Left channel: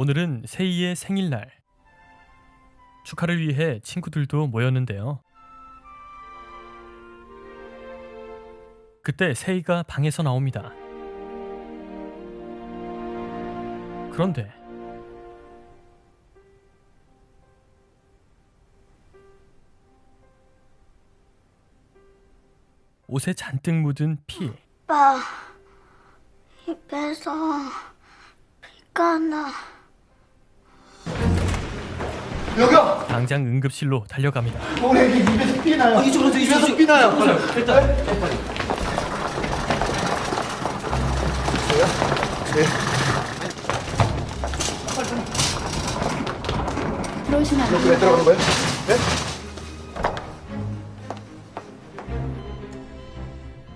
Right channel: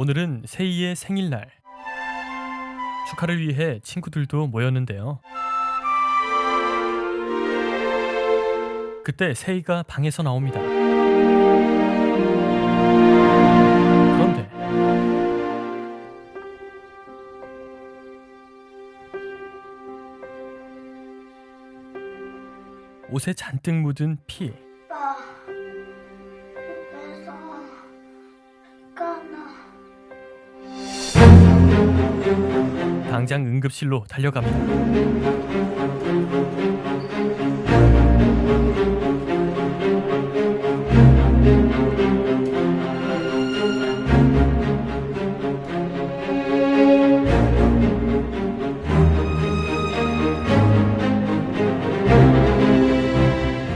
오늘은 세희의 생일날. 축하를 위해 친구들도 모였는데요. 그때 세희가 방에서 나옵니다. 그런데 옷에 잔뜩 묻은 피. 오빠, 입에서 피가 나. 여기요. 당장 응급실로 달려갑니다. 우리 입에서 피 나요. 입에서 피 나요. 왜 들어간 거예요?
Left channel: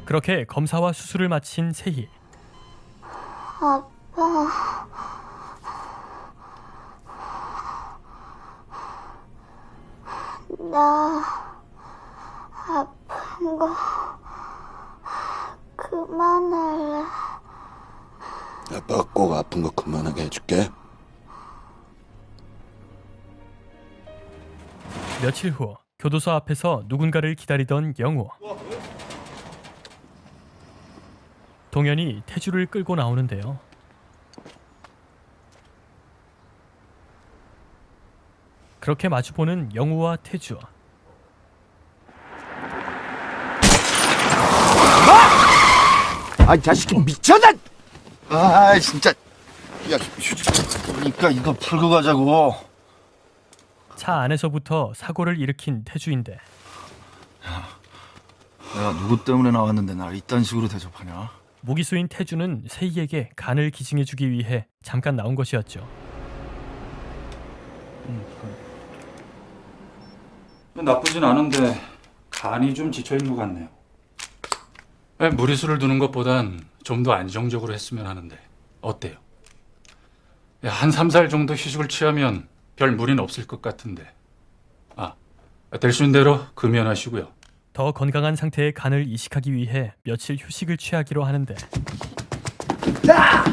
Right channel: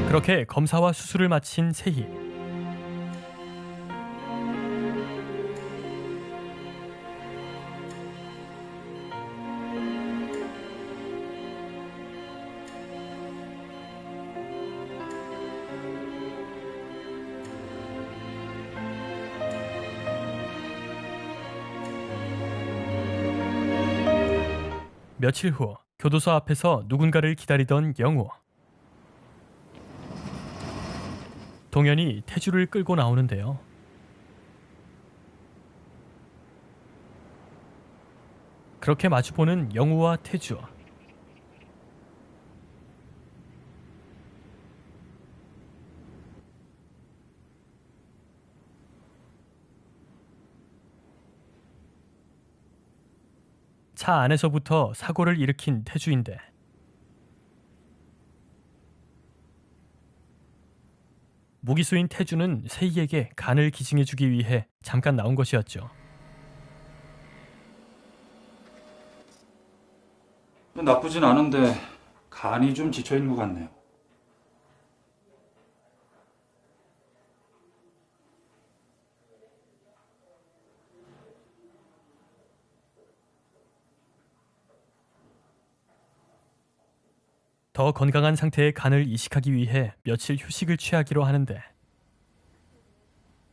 그렇게 검사와 수술을 마친 세희. 아빠, 나 아픈 거 그만할래. 아빠가 꼭 아픈 거 그만하게 해줄게. 며칠 후 교도소 앞에서 누군가를 기다리던 영우. 동현이 태주를 끌고 나오는데요. 그렇게 마주보는 영우와 태주. 아, 이 자식이 미쳤나? 아, 진짜. 야, 그러니까 이거 풀고 가자고. 차 안에서부터 사고를 일으킨 태주인데 내가 누구 때문에 나왔는데 날 이딴 식으로 대접하냐? 무기수인 태주는 세희에게 간을 기증해주기 위해 잠깐 나온 것이었죠. 나쁘진 않은데 간이 좀 지쳐있는 것 같네요. 무리수를 두는 것보단 좀 더 안정적으로 했으면 하는데 어때요? 한 3, 4일 정도 휴식을 취하면 별 무리는 없을 것 같은데. 될 수 있는 대로 금연하시고요. 더 건강한 상태의 간을 이식하기 위해 며칠 휴식을 취하기로 하는데 딸,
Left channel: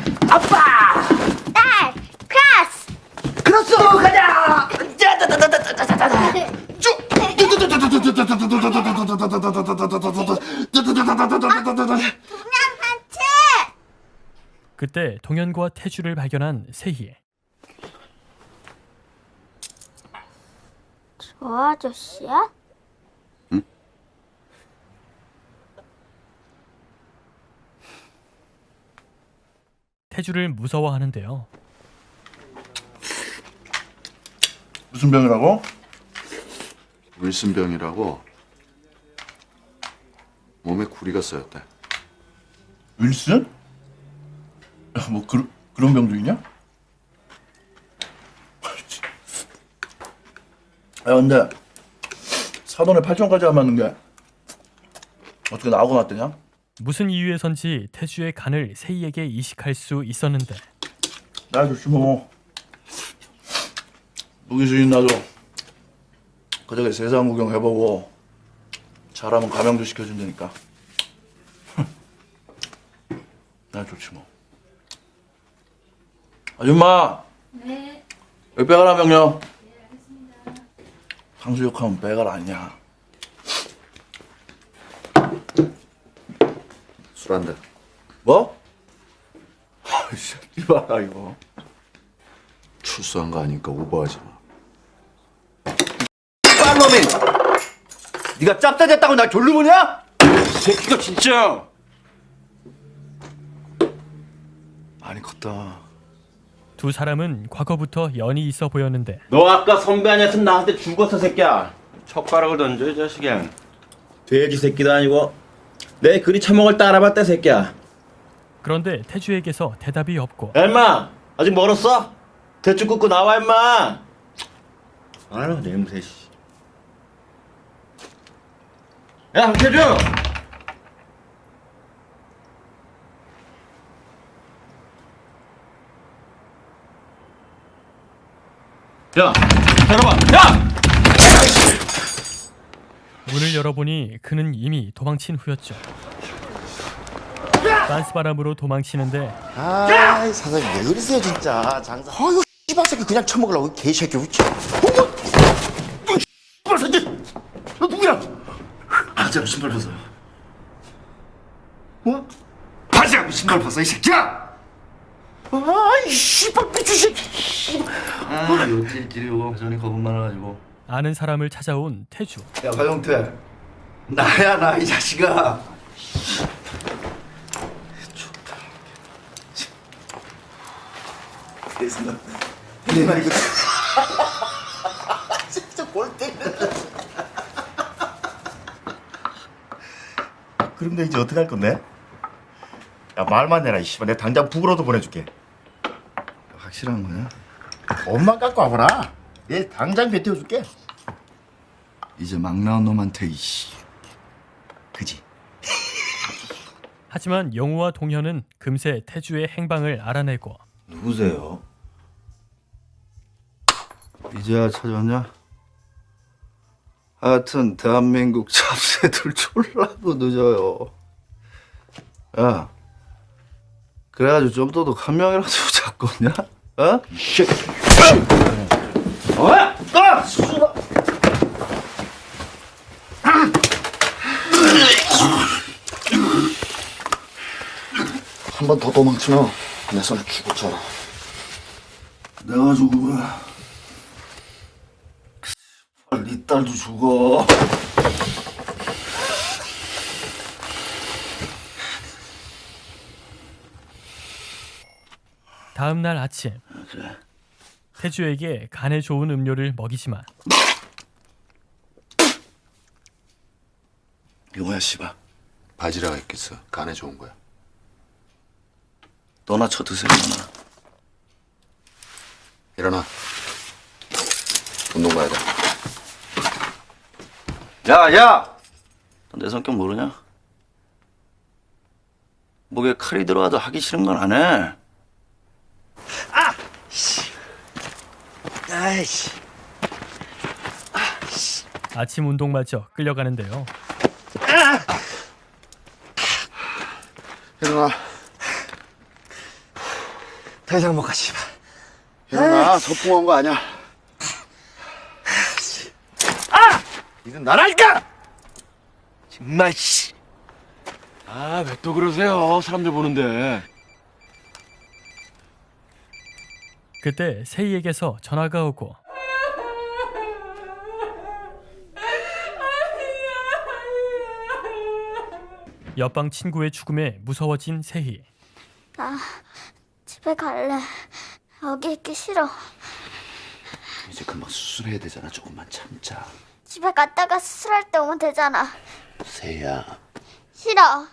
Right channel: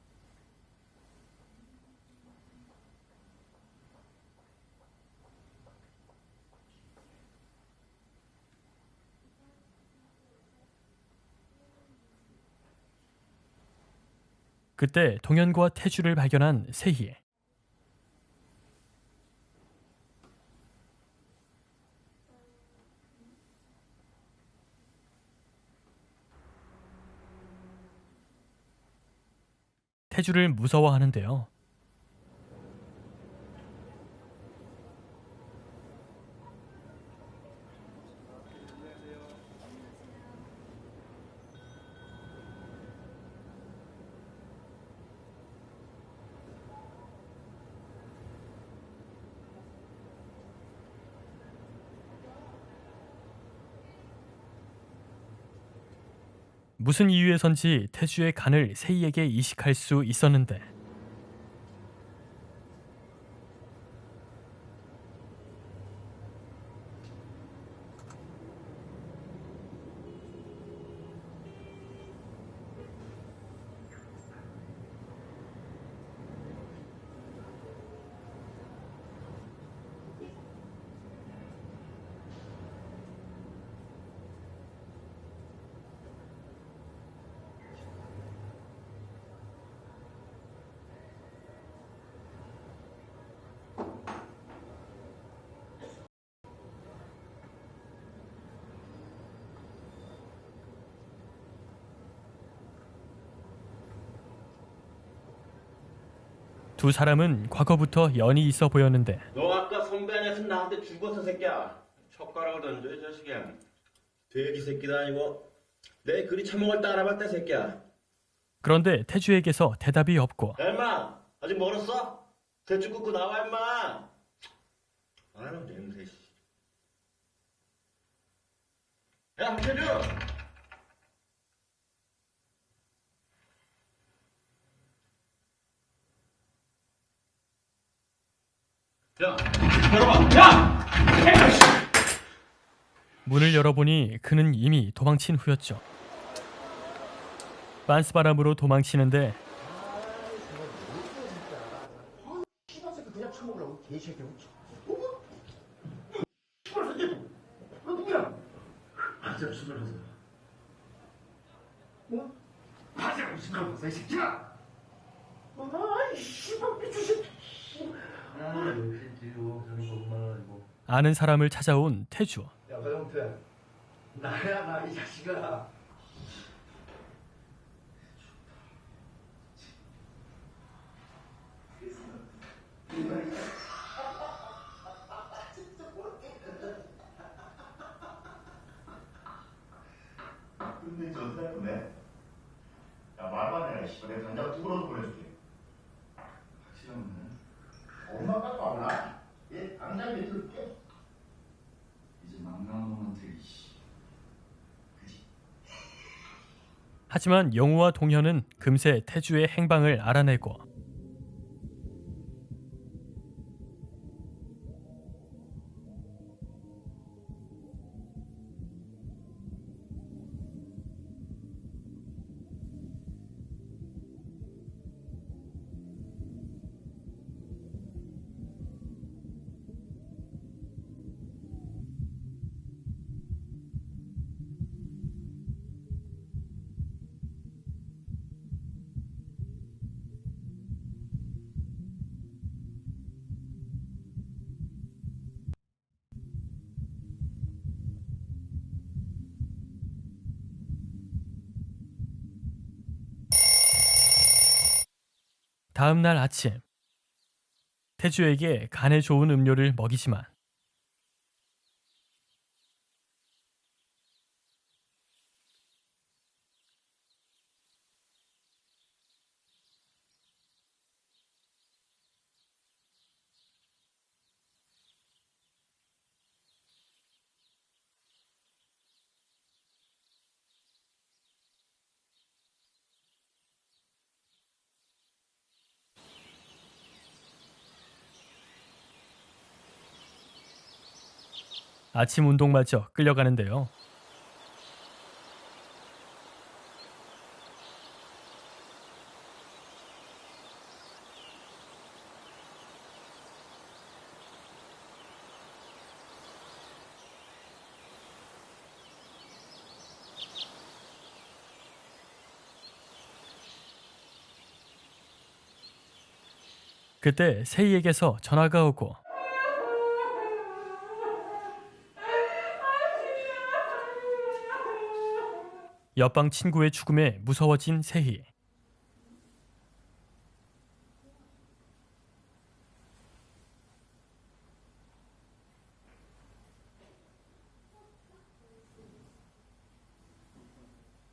크라스. 크로스 가자. 그때 동현과 태주를 발견한 세희. 저 아저씨야? 태주를 무서워하는데요. 무슨 병이라고? 윌슨병이라고. 몸에 구리가 쌓였대. 윌슨? 야, 뭐 그런 병도 있냐? 야, 근데 사돈에 8천까지 안 맞는 게 어떻게 나오고 났더냐? 무슨 이유에선지 태주의 간을 세희에게 이식할 수 있었는데 나 좋지 뭐. 무기수인 나도 그저께 세상 구경 해보고 잘하면 가명도 시켜준다니까. 나 좋지 뭐. 아줌마. 네. 여기 빼가라 명령. 탕수육하면 빼가라 아니야. 술 한 대. 뭐? 아이씨, 이봐라 이거. 출소한 거 아니니까 오버하지 마. 빨놈이! 네가 짭짜 됐다고 날 졸로 보냐? 새끼가 진짜. 많이 컸다. 두 사람은 과거부터 연이 있어 보였는데 너 아까 선배 아니었으면 나한테 죽었어 새끼야. 젓가락을 던져 이 자식아. 돼지 새끼도 아니고 내 그리 처먹을 때 알아봤다 새끼야. 그런데 태주에게서 대답이 없고 야 임마 아직 멀었어? 대충 굽고 나와 임마. 아유 냄새 씨. 야 황태주. 야 잠깐만 야. 문을 열어보니 그는 이미 도망친 후였죠. 빤스바람으로 도망치는데 아, 사장님 왜 그러세요 진짜. 장사. 씨발 새끼 그냥 처먹으려고 개새끼. 씨발 새끼! 너 누구야? 바지하고 신발 벗어. 뭐? 바지하고 신발 벗어 이 새끼야! 아이 씨발 미친 새끼. 아, 이거 찔찔이고 전이 겁 많아가지고. 아는 사람을 찾아온 태주. 야, 화영태. 나야 나 이 자식아. 좋다. 그래서 내가 이거 진짜 골 때려. 그럼 내 이제 어떻게 할 건데? 야 말만 해라 이 씨발 내가 당장 북으로도 보내줄게. 확실한 거야? 엄마 갖고 와보라. 얘 당장 배 태워줄게. 이제 막 나온 놈한테 이씨. 그지? 하지만 영우와 동현은 금세 태주의 행방을 알아내고 누구세요? 이제야 찾아왔냐? 하여튼 대한민국 잡새들 졸라도 늦어요. 야, 그래가지고 좀 도둑 한 명이라도 잡겠냐? 어? 한 번 더 도망치면 내 손에 죽었잖아. 내가 죽으면 네 딸도 죽어. 다음 날 아침 태주에게 간에 좋은 음료를 먹이지만 용호야 씨발, 바지락가 있겠어. 간에 좋은 거야. 너나 쳐 드세요. 너나. 일어나. 운동 가야 돼. 야! 너 내 성격 모르냐? 목에 칼이 들어와도 하기 싫은 건 안 해. 아이씨. 아침 운동마저 끌려가는데요. 일어나. 더 이상 못 가 씨발. 일어나. 소풍 온 거 아니야. 이건 나라니까. 정말 씨. 아, 왜 또 그러세요? 사람들 보는데. 그때 세희에게서 전화가 오고 옆방 친구의 죽음에 무서워진 세희. 나 집에 갈래. 여기 있기 싫어. 이제 금방 수술해야 되잖아. 조금만 참자. 집에 갔다가 수술할 때 오면 되잖아. 세야. 싫어.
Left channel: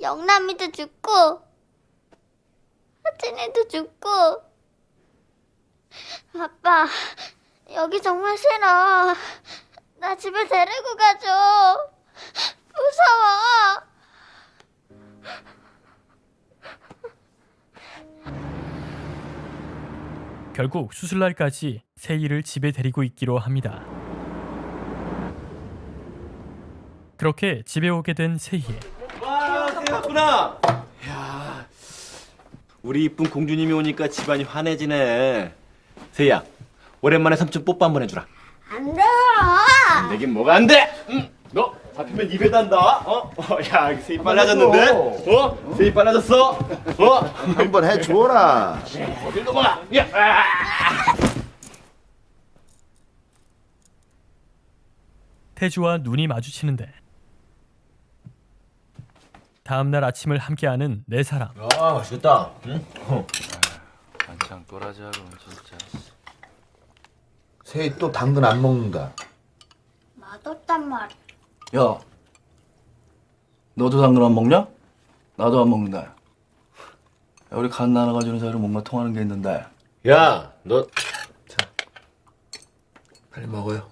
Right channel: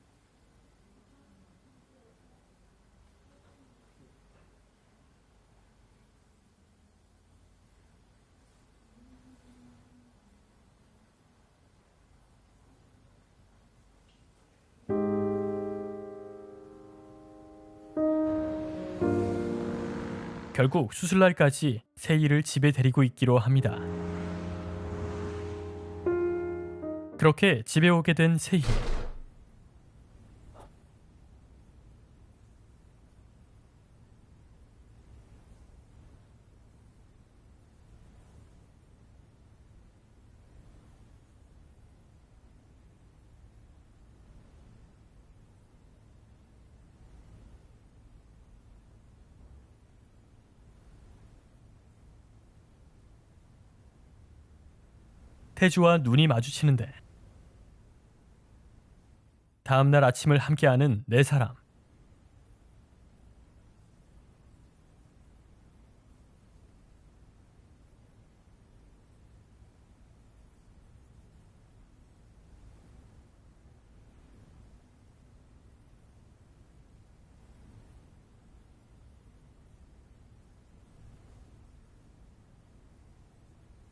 영남이도 죽고 하진이도 죽고. 아빠, 여기 정말 싫어. 나 집에 데리고 가줘. 무서워. 결국 수술날까지 세희를 집에 데리고 있기로 합니다. 그렇게 집에 오게 된 세희. 와, 세였구나. 야, 우리 이쁜 공주님이 오니까 집안이 환해지네. 세희야, 오랜만에 삼촌 뽀뽀 한번 해주라. 안 돼요. 안 되긴 뭐가 안 돼? 너 잡히면 입에 단다. 야, 세희 빨라졌는데? 세희 빨라졌어? 한번 해줘라. 어딜 넘어가? 야, 태주와 눈이 마주치는데 다음날 아침을 함께하는 네 사람. 아, 맛있겠다. 반창 또라지하고 진짜. 새이 또 당근 안 먹는다. 맛없단 말이야. 야, 너도 당근 안 먹냐? 나도 안 먹는다. 야, 우리 간 나눠가지는 사이로 뭔가 통하는 게 있는데. 야, 너 빨리 먹어요.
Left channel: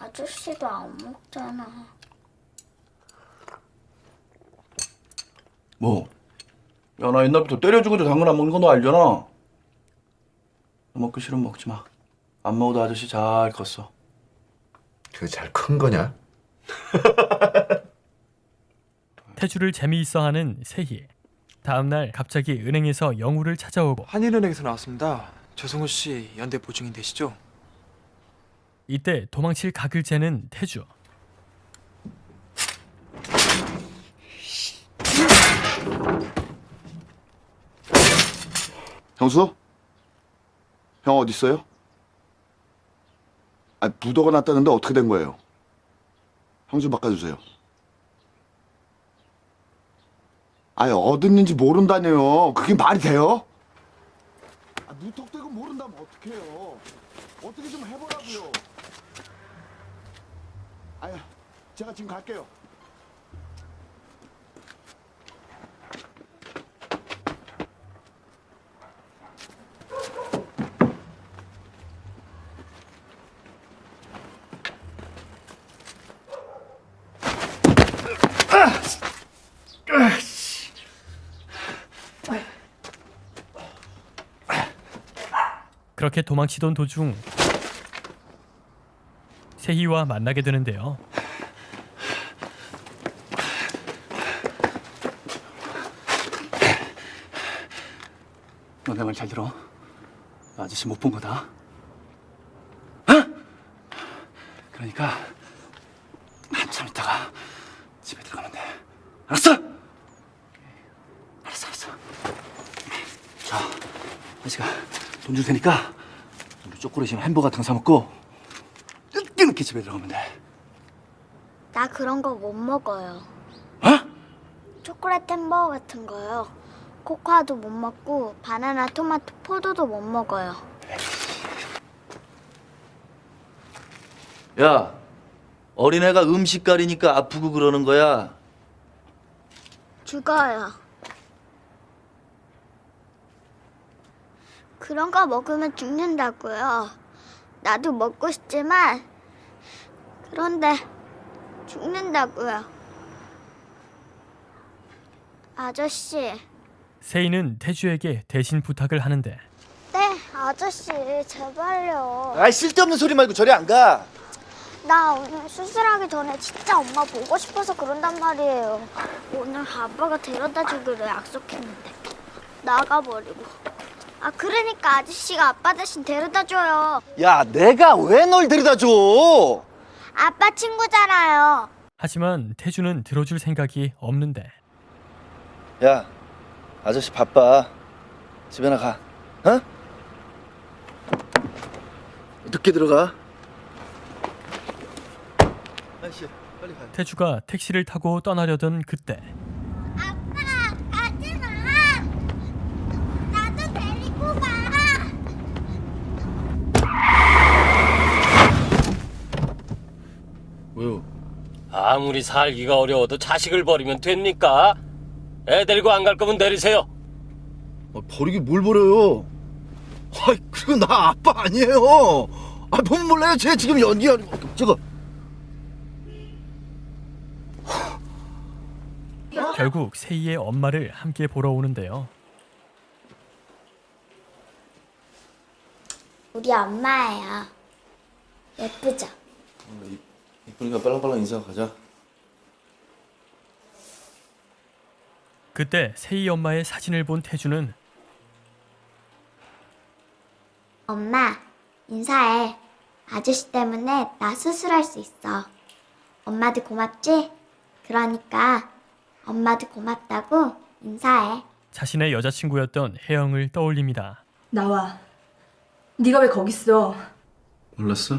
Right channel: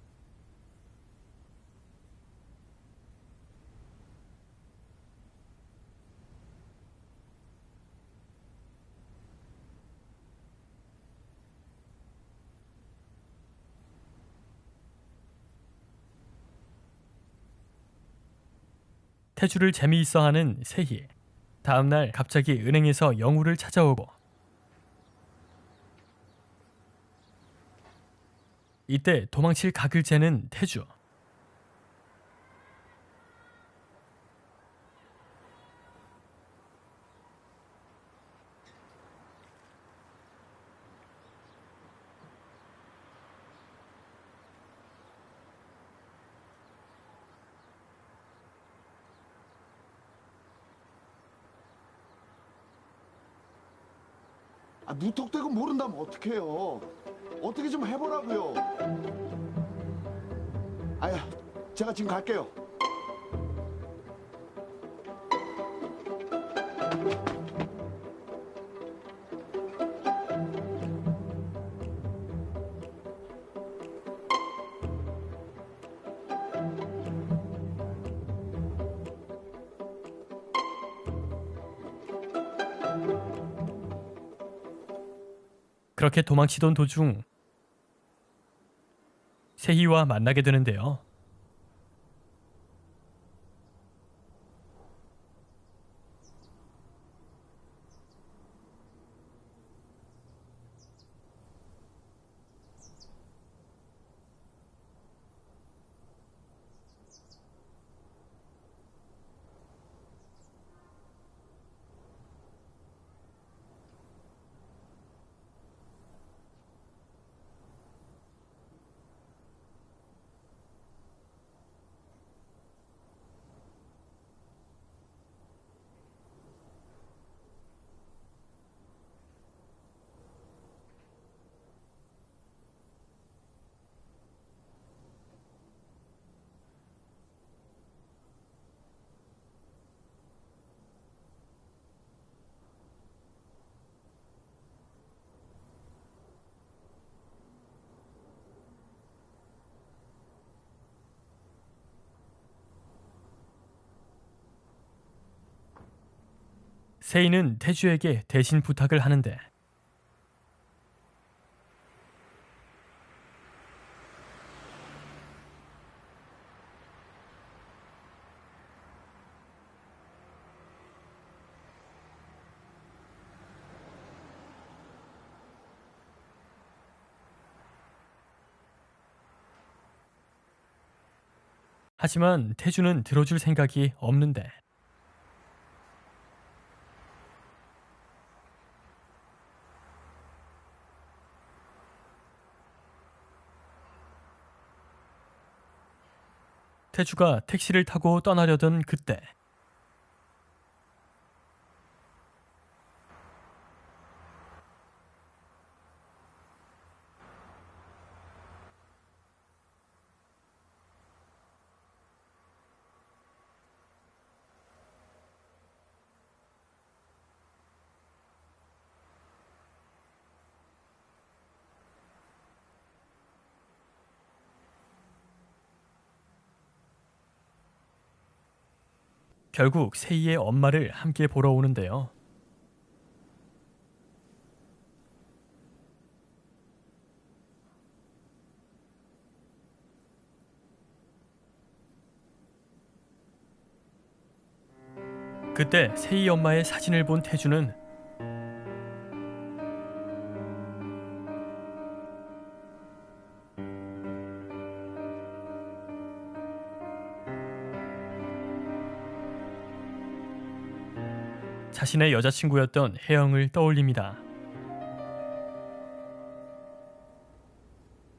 아저씨도 안 먹잖아. 뭐? 야, 나 옛날부터 때려 죽어도 당근 안 먹는 거 너 알잖아. 너 먹기 싫으면 먹지 마. 안 먹어도 아저씨 잘 컸어. 그게 잘 큰 거냐? 태주를 재미있어하는 세희. 다음날 갑자기 은행에서 영우를 찾아오고 한일은행에서 나왔습니다. 조승우 씨 연대 보증인 되시죠? 이때 도망칠 각을 재는 태주. 형수? 형 어디 있어요? 아, 부도가 났다는데 어떻게 된 거예요? 형 좀 바꿔주세요. 아니 어딨는지 모른다네요. 그게 말이 돼요? 아, 무턱대고 모른다면 어떡해요? 어떻게 좀 해보라고요. 아야, 제가 지금 갈게요. 그렇게 도망치던 도중 세희와 만나게 되는데요. 너 내 말 잘 들어. 아저씨 못 본 거다. 그러니까 한참 있다가 집에 들어가면 돼. 알았어? 알았어. 자, 아저씨가 돈 줄 테니까 우리 쪼꼬리심 햄버거 같은 거 사 먹고 늦게 집에 들어가면 돼. 나 그런 거 못 먹어요. 어? 초콜릿 햄버거 같은 거요. 코코아도 못 먹고 바나나, 토마토, 포도도 못 먹어요. 야, 어린애가 음식 가리니까 아프고 그러는 거야. 죽어요. 그런 거 먹으면 죽는다고요. 나도 먹고 싶지만 그런데 죽는다고요. 아저씨. 세희는 태주에게 대신 부탁을 하는데 네, 아저씨 제발요. 아이 쓸데없는 소리 말고 저리 안 가. 나 오늘 수술하기 전에 진짜 엄마 보고 싶어서 그런단 말이에요. 오늘 아빠가 데려다 주기로 약속했는데 나가버리고. 아 그러니까 아저씨가 아빠 대신 데려다 줘요. 야, 내가 왜 널 데려다 줘? 아빠 친구잖아요. 하지만 태주는 들어줄 생각이 없는데 야, 아저씨 바빠. 집에나 가. 어? 늦게 들어가. 아저씨, 빨리 가. 태주가 택시를 타고 떠나려던 그때 아빠 가지 마. 나도 데리고 가. 왜요? 아무리 살기가 어려워도 자식을 버리면 됩니까? 애 데리고 안 갈 거면 내리세요. 버리기 뭘 버려요? 그리고 나 아빠 아니에요. 보면 몰라요. 쟤 지금 연기하는 거. 저거. 결국 세희의 엄마를 함께 보러 오는데요. 우리 엄마예요. 예쁘죠? 이쁘니까 빨랑빨랑 인사 가자. 그때 세희 엄마의 사진을 본 태주는 엄마, 인사해. 아저씨 때문에 나 수술할 수 있어. 엄마도 고맙지? 그러니까 엄마도 고맙다고 인사해. 자신의 여자친구였던 혜영을 떠올립니다. 나와. 네가 왜 거기 있어? 몰랐어?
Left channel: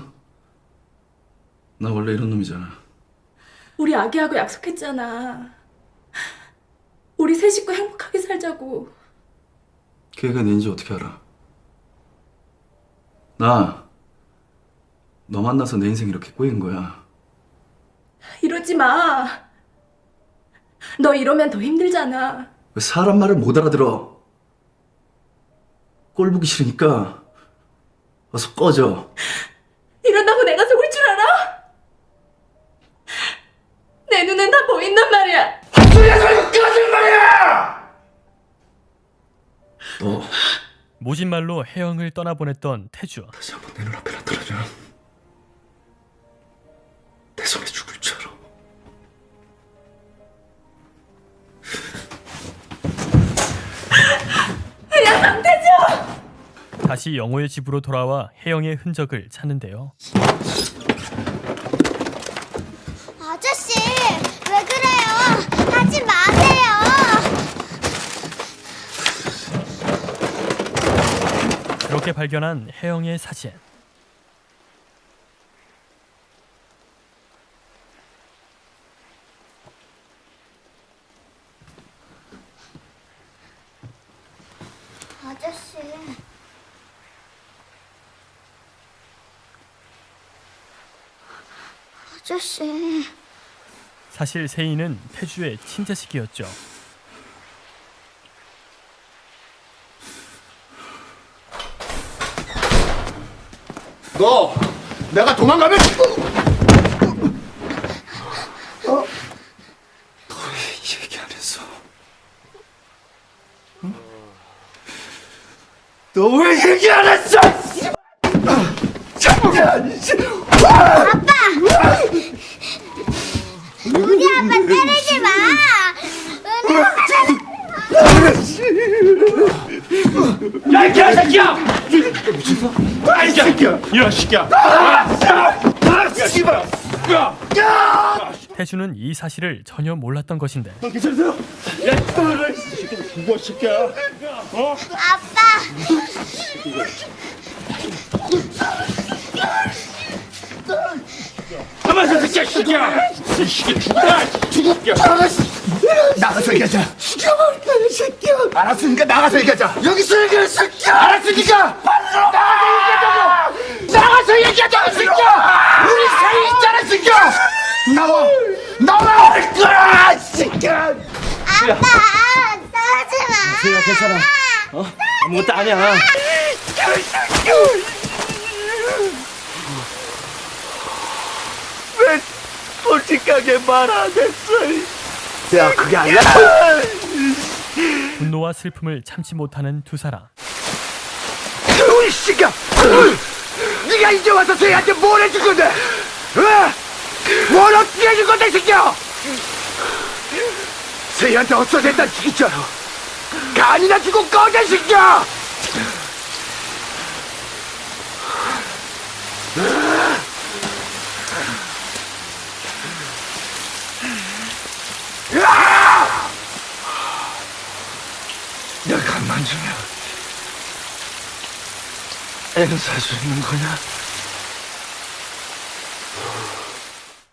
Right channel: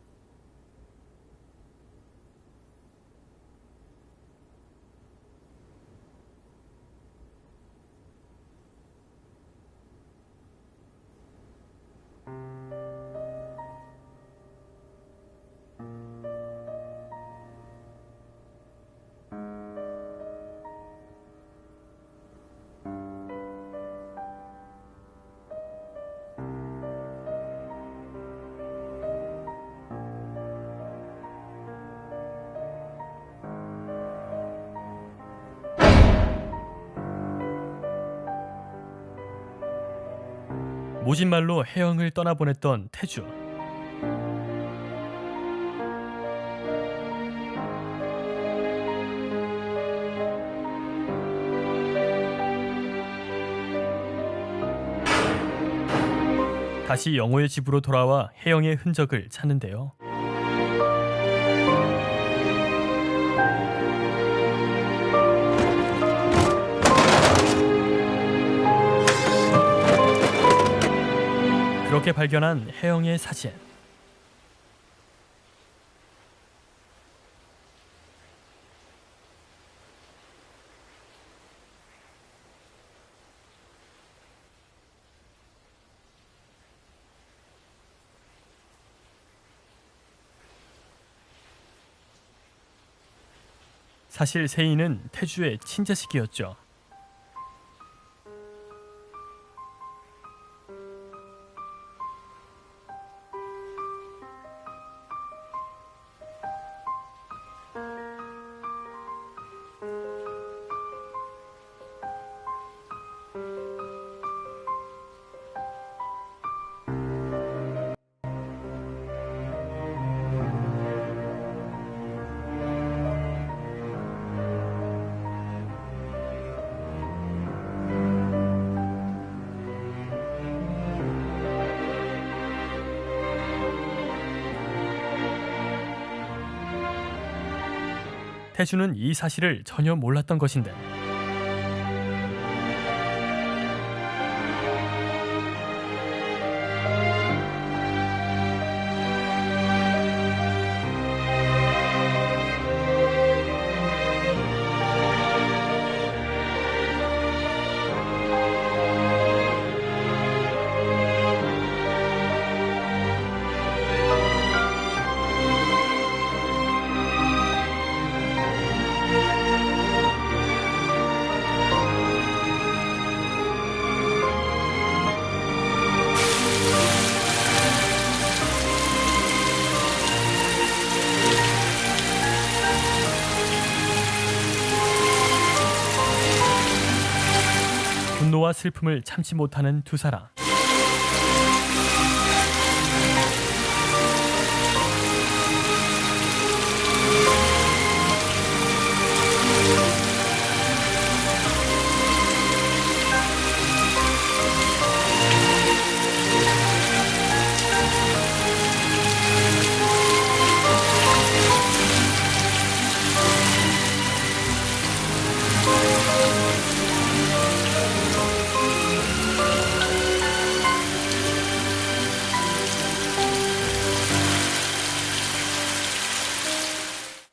나 원래 이런 놈이잖아. 우리 아기하고 약속했잖아. 우리 세 식구 행복하게 살자고. 걔가 내인지 어떻게 알아? 나 너 만나서 내 인생 이렇게 꼬인 거야. 이러지 마. 너 이러면 더 힘들잖아. 왜 사람 말을 못 알아들어? 꼴 보기 싫으니까 어서 꺼져. 이런다고 내가 속을 줄 알아? 내 눈엔 다 보인단 말이야. 너 모진 말로 혜영을 떠나보냈던 태주. 다시 한번 내 눈앞에 나타나면 내 손에 죽을 줄 알아. 야, 강태주! 다시 영호의 집으로 돌아와 혜영의 흔적을 찾는데요. 아저씨, 왜 그래요? 하지 마세요. 그렇게 발견한 혜영의 사진. 아저씨. 아저씨. 사실 세인은 태주의 친자식이었죠. 너 내가 도망가면 얘기 안 했어. 너 왜 얘기 안 했어? 우리 아빠 때리지 마. 야이 개새끼야! 아이 새끼야! 이 새끼야! 태주는 이 사실을 전혀 몰랐던 것인데 아빠. 가만히 있어, 새끼야! 이 새끼 죽었냐? 나가서 얘기하자. 이 새끼야. 알았으니까 나가서 얘기하자. 여기서 얘기할 새끼야. 알았으니까. 나가서 얘기하자, 새끼야. 우리 사이 있잖아, 새끼야. 나와 할 거야, 새끼야. 아빠, 나오지 마. 못도 아니야. 솔직하게 말하겠어. 야, 그게 아니라. 분노와 슬픔을 참지 못하는 두 사람. 이 새끼야. 네가 이제 와서 쟤한테 뭘 해줄 건데? 뭘 어떻게 해줄 건데, 이 새끼야? 쟤한테 없어졌다 진짜로. 간이나 주고 꺼져, 이 새끼야. 내가 만지면 애는 사주는 거냐?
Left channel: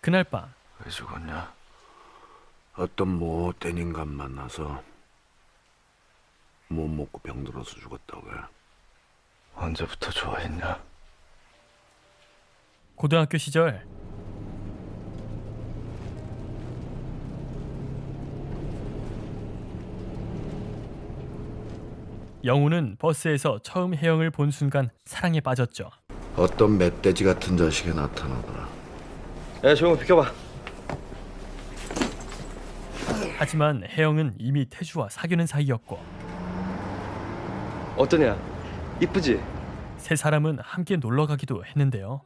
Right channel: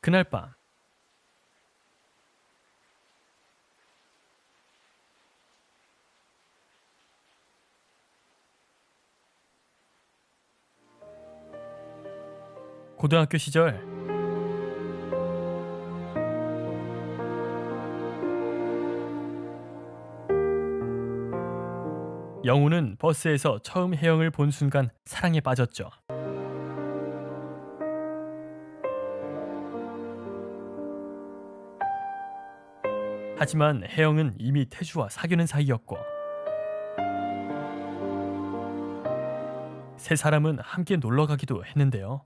그날 밤 왜 죽었냐? 어떤 못된 인간 만나서 못 먹고 병들어서 죽었다고 해. 언제부터 좋아했냐? 고등학교 시절 영우는 버스에서 처음 혜영을 본 순간 사랑에 빠졌죠. 어떤 멧돼지 같은 자식이 나타나더라. 야, 조용 비켜봐. 하지만 혜영은 이미 태주와 사귀는 사이였고 어떠냐? 이쁘지? 세 사람은 함께 놀러 가기도 했는데요.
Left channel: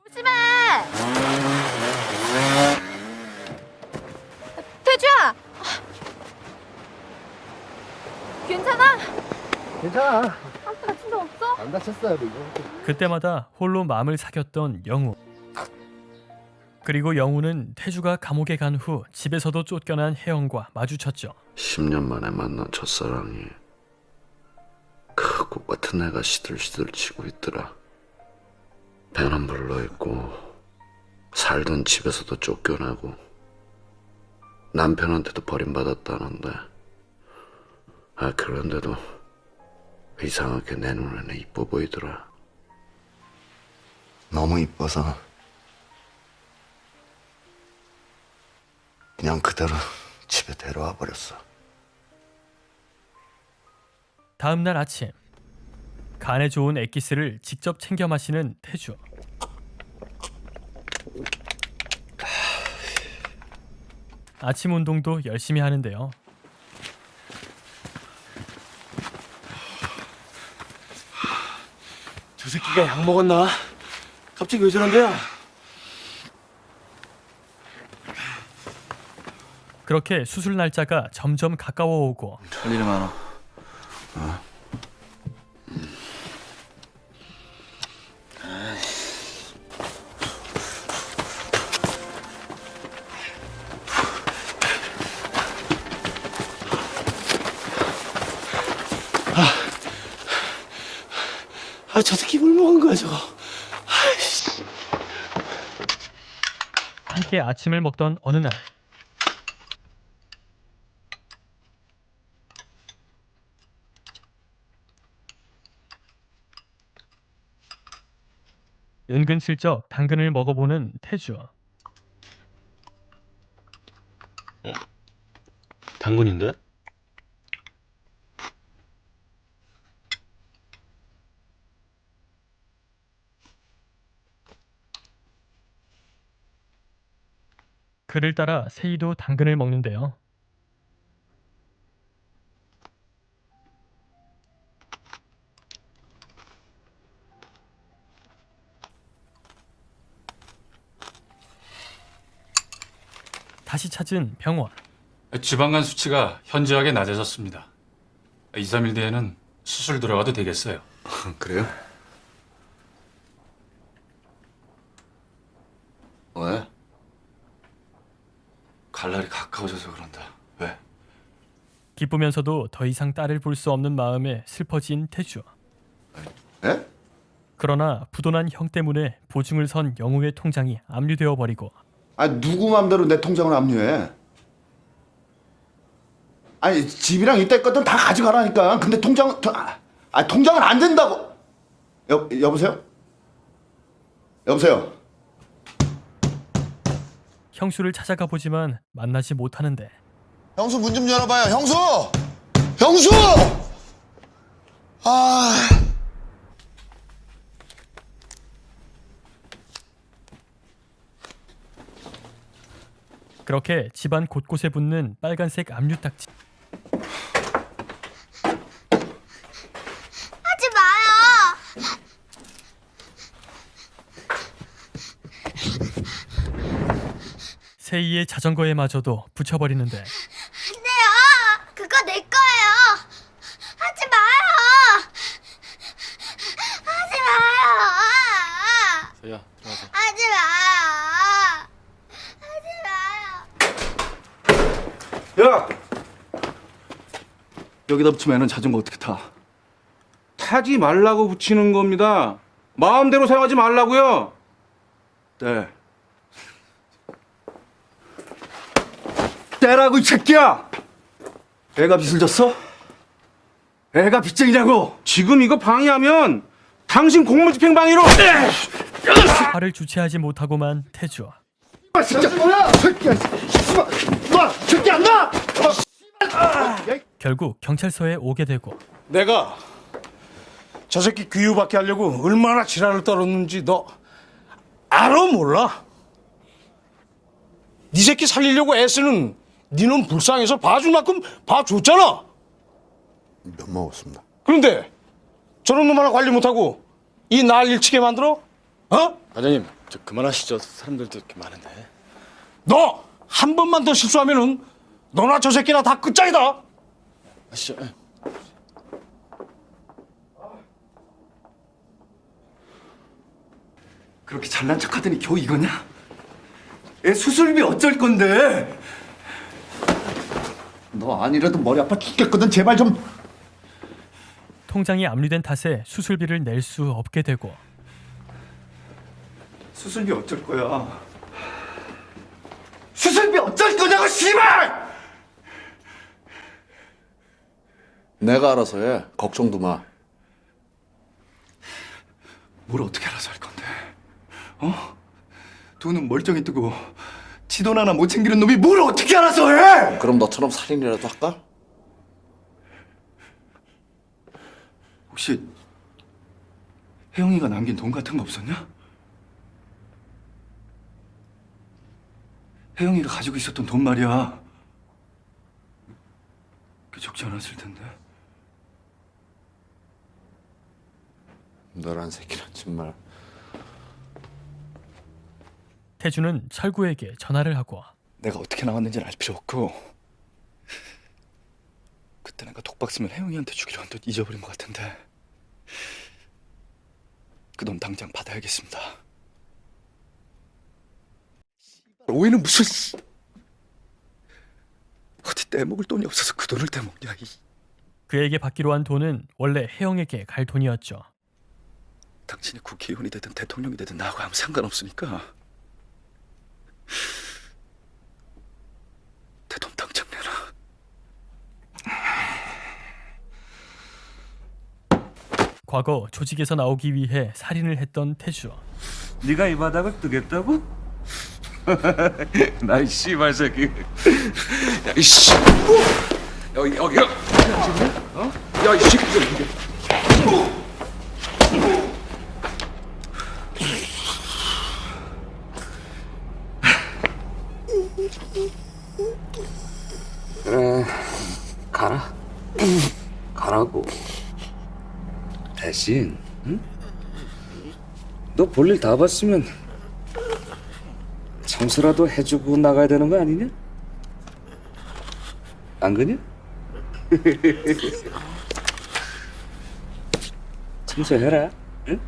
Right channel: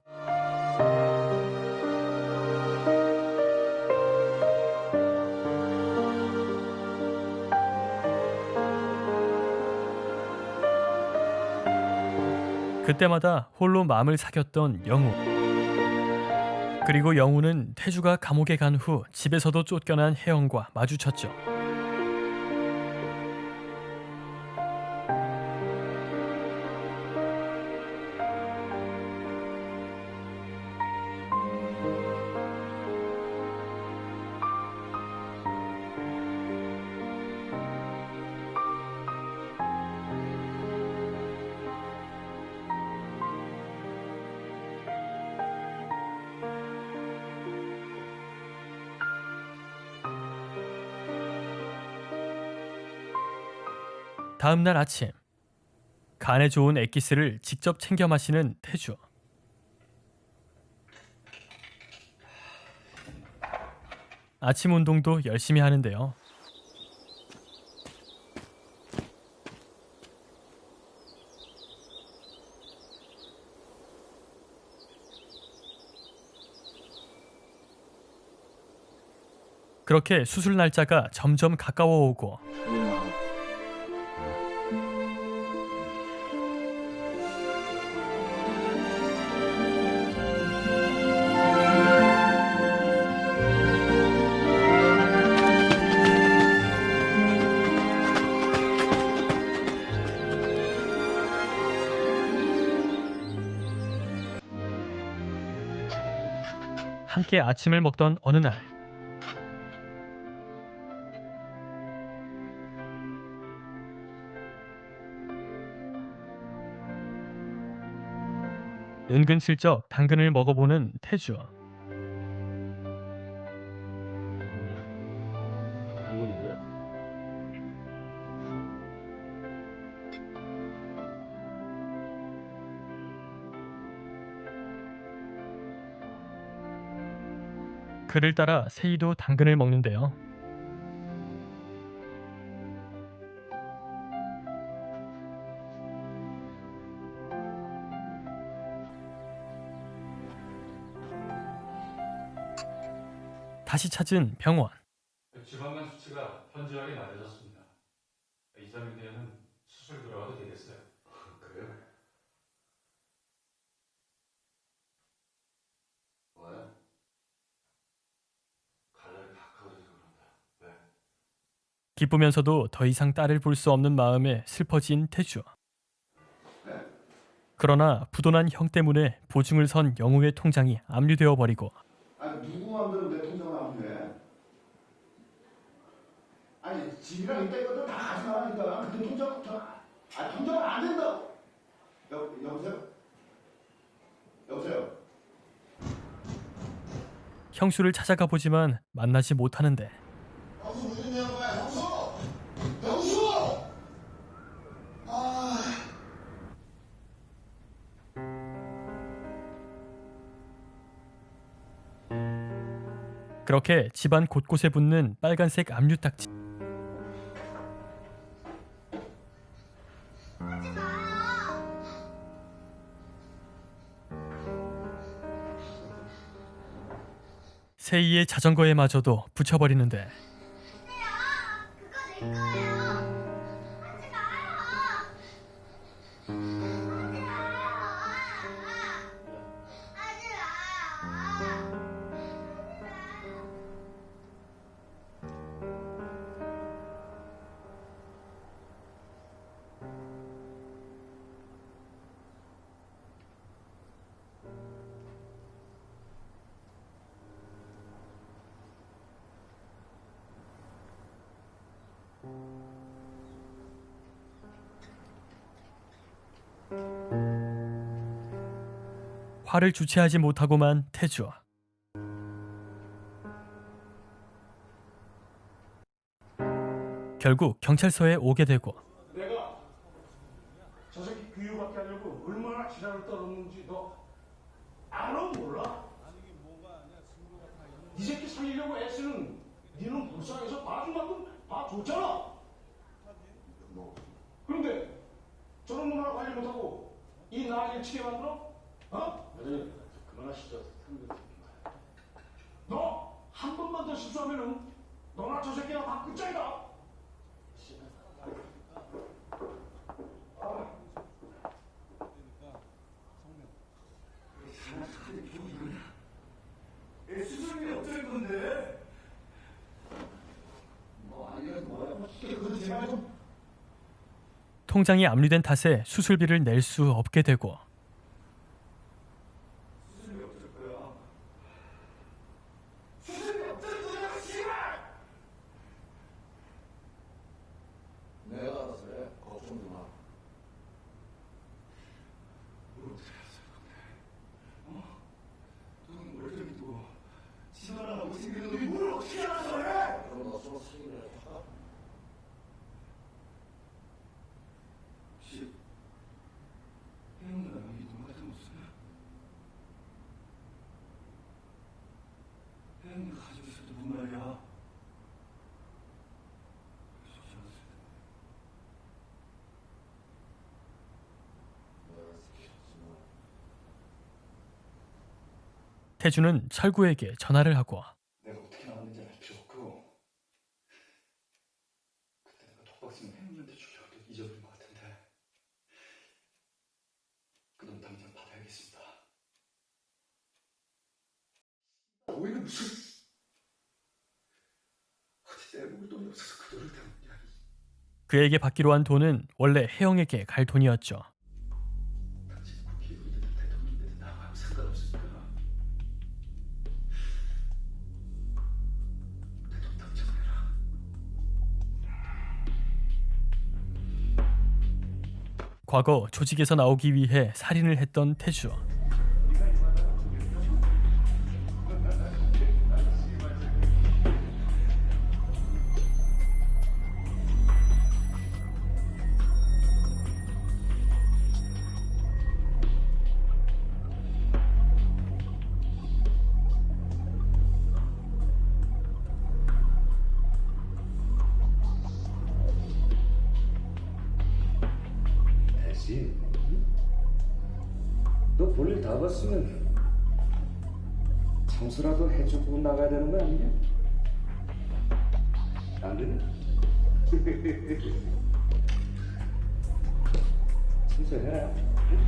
태주야! 괜찮아? 괜찮아. 다친 거 없어? 안 다쳤어. 그때마다 홀로 마음을 사귀었던 영우. 그리고 영우는 태주가 감옥에 간 후 집에서도 쫓겨난 혜영과 마주쳤죠. 10년 만에 만난 첫사랑이 그 꽃같은 애가 시들시들 치고 있더라. 배는 불러있고 살던 집에서도 쫓겨나고 남편한테도 버림받았다는데 그런데도 이상하게 내 눈에는 이뻐 보이더라. 너무 이뻐서 그냥 그대로 집에 데려와 버렸어. 다음 날 아침 간에 좋은 액기스를 직접 챙겨 마시는 태주. 아침 운동도 열심히 하는데요. 저 새끼가 약 먹었나? 갑자기 왜 저런데요? 그렇게 수술 날짜가 점점 가까워 오고 할 일이 많아. 저 새끼 물 먹은 거야 저거. 함께 아침을 먹던 어느 날 은근슬쩍 당근을 먹어보는 태주. 당근인데? 그를 따라 세이도 당근을 먹는데요. 다시 찾은 병원. 지방간 수치가 현저하게 낮아졌습니다. 2, 3일 뒤에는 수술 들어가도 되겠어요. 그래요? 왜? 갈 날이 가까워져서 그런다. 왜? 기쁘면서도 더 이상 딸을 볼 수 없는 마음에 슬퍼진 태주. 에? 그러나 부도난 형 때문에 보증을 선 영우의 통장이 압류되어 버리고 아니 누구 맘대로 내 통장을 압류해? 아니 집이랑 이때 것들 다 가져가라니까. 근데 통장은 안 된다고. 여보세요? 여보세요? 형수를 찾아가 보지만 만나지 못하는데 형수 문 좀 열어봐요. 형수! 형수! 아. 그렇게 집안 곳곳에 붙는 빨간색 압류 딱지. 하지 마요. 세이의 자전거에마저도 붙여버리는데 안 돼요. 그거 내 거예요. 하지 마요. 하지 마요. 세희야 들어가자. 하지 마요. 하지 마요. 야! 여기다 붙이면 애는 자전거 어떻게 타? 타지 말라고 붙이는 겁니다. 마음대로 사용하지 말라고요. 네. 떼라고 이 새끼야! 애가 빚을 졌어? 애가 빚쟁이냐고! 지금 이거 방해하면 당신 공무집행 방해로. 화를 주체하지 못하고만 태주. 아 진짜 뭐야? 새끼야. 너 새끼 안 나? 결국 경찰서에 오게 되고 내가 저 새끼 귀유받게 하려고 얼마나 지랄을 떨었는지 너 알아 몰라? 네 새끼 살리려고 애쓰는 니는 불쌍해서 봐줄 만큼 봐줬잖아. 몇 먹었습니다. 그런데 저런 놈 하나 관리 못하고 이 날 일치게 만들어? 어? 과장님 저 그만하시죠. 사람들도 이렇게 많은데. 너 한 번만 더 실수하면은 너나 저 새끼나 다 끝장이다. 아시죠? 그렇게 잘난 척하더니 겨우 이거냐? 애 수술비 어쩔 건데? 너 아니라도 머리 아파 죽겠거든. 제발 좀. 통장이 압류된 탓에 수술비를 낼 수 없게 되고 수술비 어쩔 거야? 수술비 어쩔 거냐고 씨발! 내가 알아서 해. 걱정도 마. 뭘 어떻게 알아서 할 건데? 어? 돈은 멀쩡히 뜨고 지 돈 하나 못 챙기는 놈이 뭘 어떻게 알아서 해? 그럼 너처럼 살인이라도 할까? 혹시 혜영이가 남긴 돈 같은 거 없었냐? 혜영이가 가지고 있었던 돈 말이야. 그 적지 않았을 텐데. 너란 새끼는 정말. 태주는 철구에게 전화를 하고 내가 어떻게 나왔는지는 알 필요 없고 그때 내가 독박 쓰면 혜영이한테 주기로 한 돈 잊어버린 것 같은데 그 돈 당장 받아야겠습니다. 오해는 무슨 어디 떼먹을 돈이 없어서 그 돈을 떼먹냐. 그에게 받기로 한 돈은 원래 혜영에게 갈 돈이었죠. 당신이 국회의원이 되든 대통령이 되든 나하고 아무 상관없으니까 대통 당장 내놔. 과거 조직에서 나오기 위해 살인을 했던 태주. 네가 이 바닥을 뜨겠다고? 나이 씨발 새끼. 야 이씨. 여기가. 어? 야이 새끼. 그래 가라. 가라고. 대신 응? 너 볼일 다 봤으면 청소라도 해주고 나가야 되는 거 아니냐? 안 그냐? 청소해라. 응?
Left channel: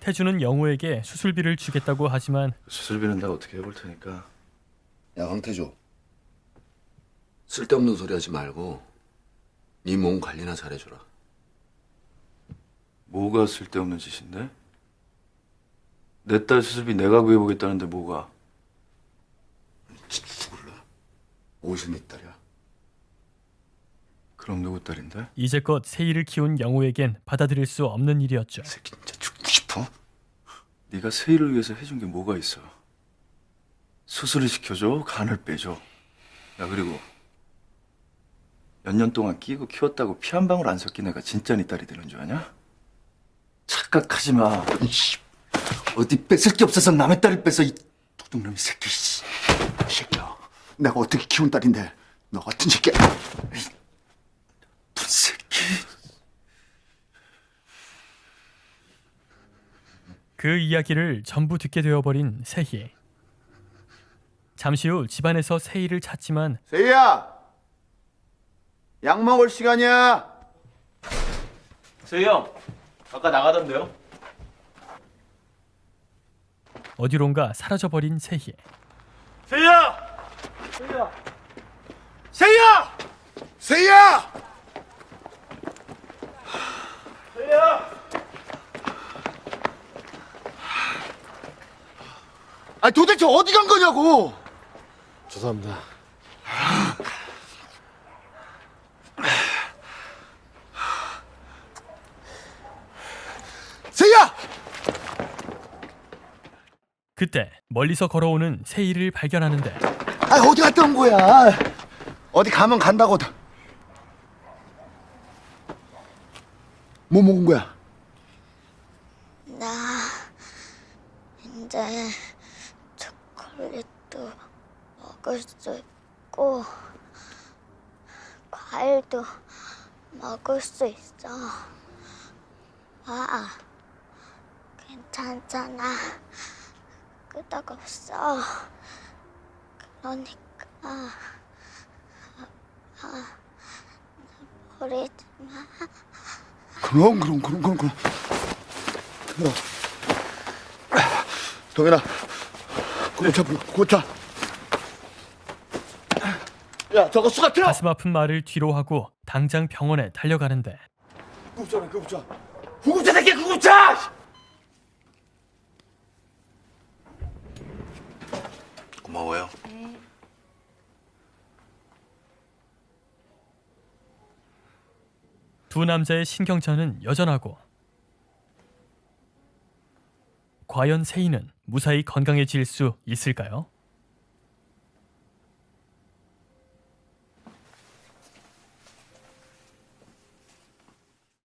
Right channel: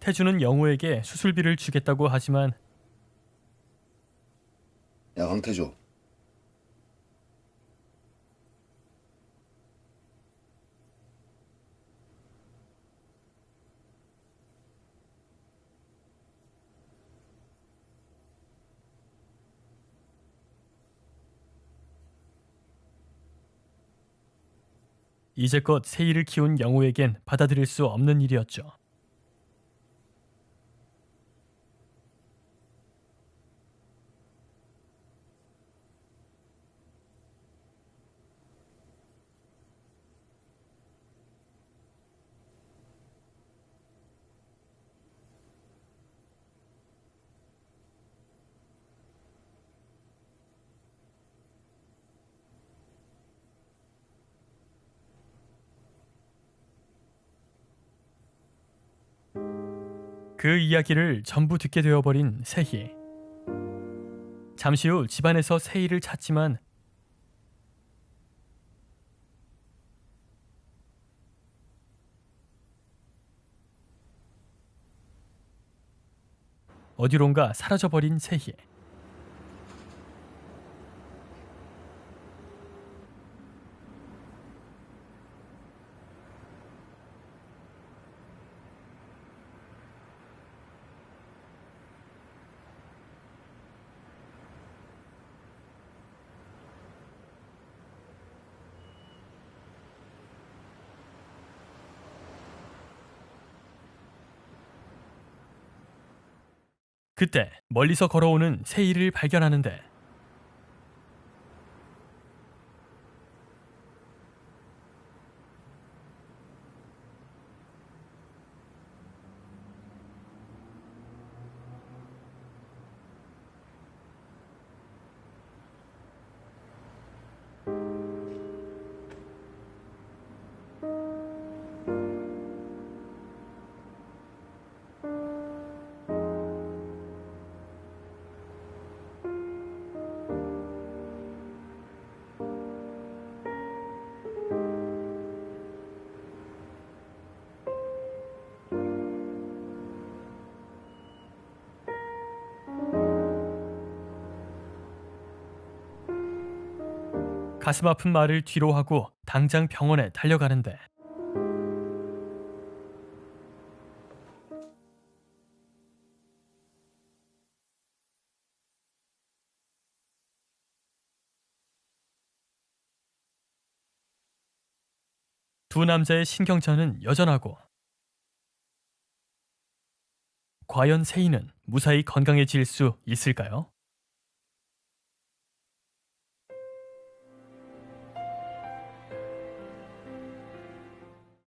태주는 영호에게 수술비를 주겠다고 하지만 수술비는 내가 어떻게 해볼 테니까. 야 황태조, 쓸데없는 소리 하지 말고 네 몸 관리나 잘해줘라. 뭐가 쓸데없는 짓인데? 내 딸 수술비 내가 구해보겠다는데 뭐가? 몰라. 오신이 딸이야. 그럼 누구 딸인데? 이제껏 세희를 키운 영호에겐 받아들일 수 없는 일이었죠. 새끼 진짜 죽고 싶어? 네가 세희를 위해서 해준 게 뭐가 있어? 수술을 시켜줘, 간을 빼줘. 야 그리고 몇 년 동안 끼고 키웠다고 피 한 방울 안 섞인 애가 진짜 네 딸이 되는 줄 아냐? 착각하지 마. 이씨, 어디 뺏을 게 없어서 남의 딸을 뺏어 이 도둑놈의 새끼. 씨. 이 새끼야. 내가 어떻게 키운 딸인데 너 같은 새끼야. 분 새끼. 그 이야기를 전부 듣게 되어버린 세희. 잠시 후 집안에서 세희를 찾지만 세희야, 약 먹을 시간이야. 세희 형, 아까 나가던데요? 어디론가 사라져버린 세희. 세희야! 세희야! 세희야! 세희야! 아 도대체 어디 간 거냐고! 죄송합니다. 세희야! 그때 멀리서 걸어오는 세희를 발견하는데 아 어디 갔다 온 거야? 어디 가면 간다고. 뭐 먹은 거야? 나 이제 초콜릿도 먹을 수 있고 과일도 먹을 수 있어. 아, 괜찮잖아. 끄떡없어. 그러니까 버리지 마. 그럼. 동현아, 고차. 야, 저거 수갑 틀어. 가슴 아픈 말을 뒤로 하고 당장 병원에 달려가는데 구급차 새끼, 구급차! 고마워요. 두 남자의 신경전은 여전하고 과연 세희는 무사히 건강해질 수 있을까요?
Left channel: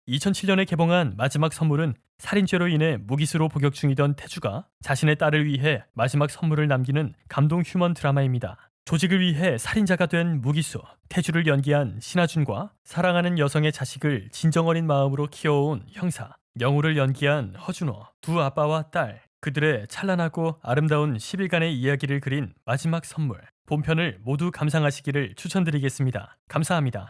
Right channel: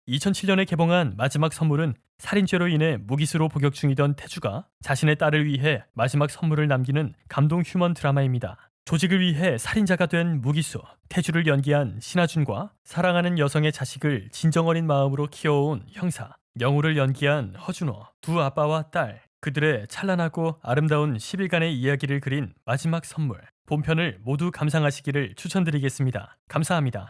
2007년에 개봉한 마지막 선물은 살인죄로 인해 무기수로 복역 중이던 태주가 자신의 딸을 위해 마지막 선물을 남기는 감동 휴먼 드라마입니다. 조직을 위해 살인자가 된 무기수 태주를 연기한 신하준과 사랑하는 여성의 자식을 진정 어린 마음으로 키워온 형사 영우를 연기한 허준호, 두 아빠와 딸, 그들의 찬란하고 아름다운 10일간의 이야기를 그린 마지막 선물 본편을 모두 감상하시기를 추천드리겠습니다. 감사합니다.